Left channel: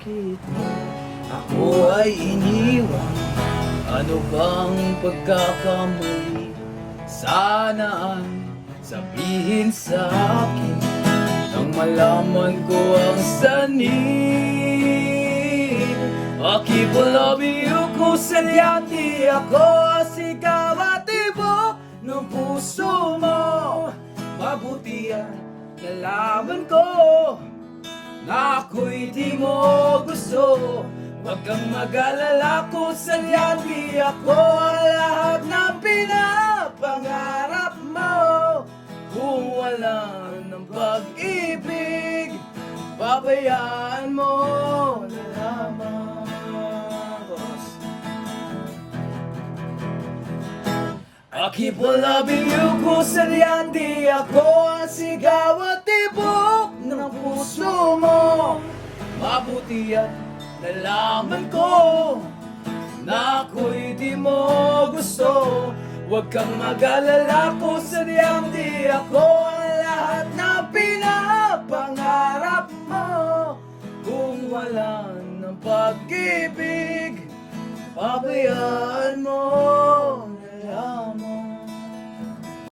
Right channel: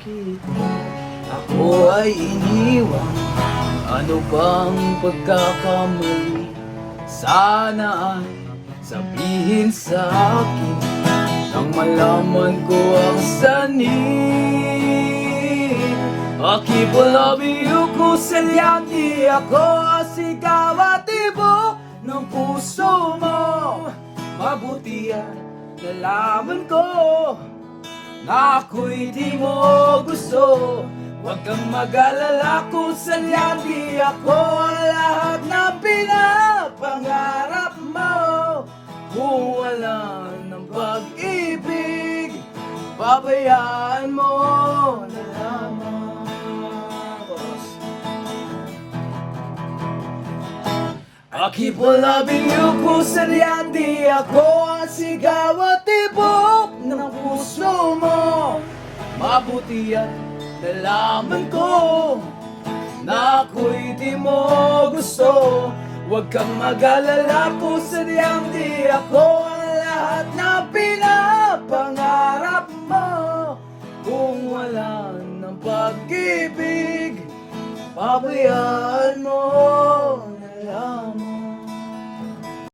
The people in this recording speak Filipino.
kita, ako ay iniwan. Ano bang pagkakamali? Sana ay sabihin sa akin nang malaman ko ang sanib. Akipalabiyo ko sa liyanti, ako sigaw at tibok ng puso mo. Mabuti at nalaman ko na ako'y di mo gusto. Huwag kang mag-alala kung saan di ako lahat ng pinapangarap mo. Kung wala ng pag-ibig, pabayaan mo na lamang. Akip labiyo ko sa liyanti, ako ang sigaw at tibok ng puso mo. Mabuti at nalaman ko na ako'y di mo gusto. Huwag kang mag-alala kung sadyang di ako ang lahat na pinapangarap mo. Kung wala ng pag-ibig, pabayaan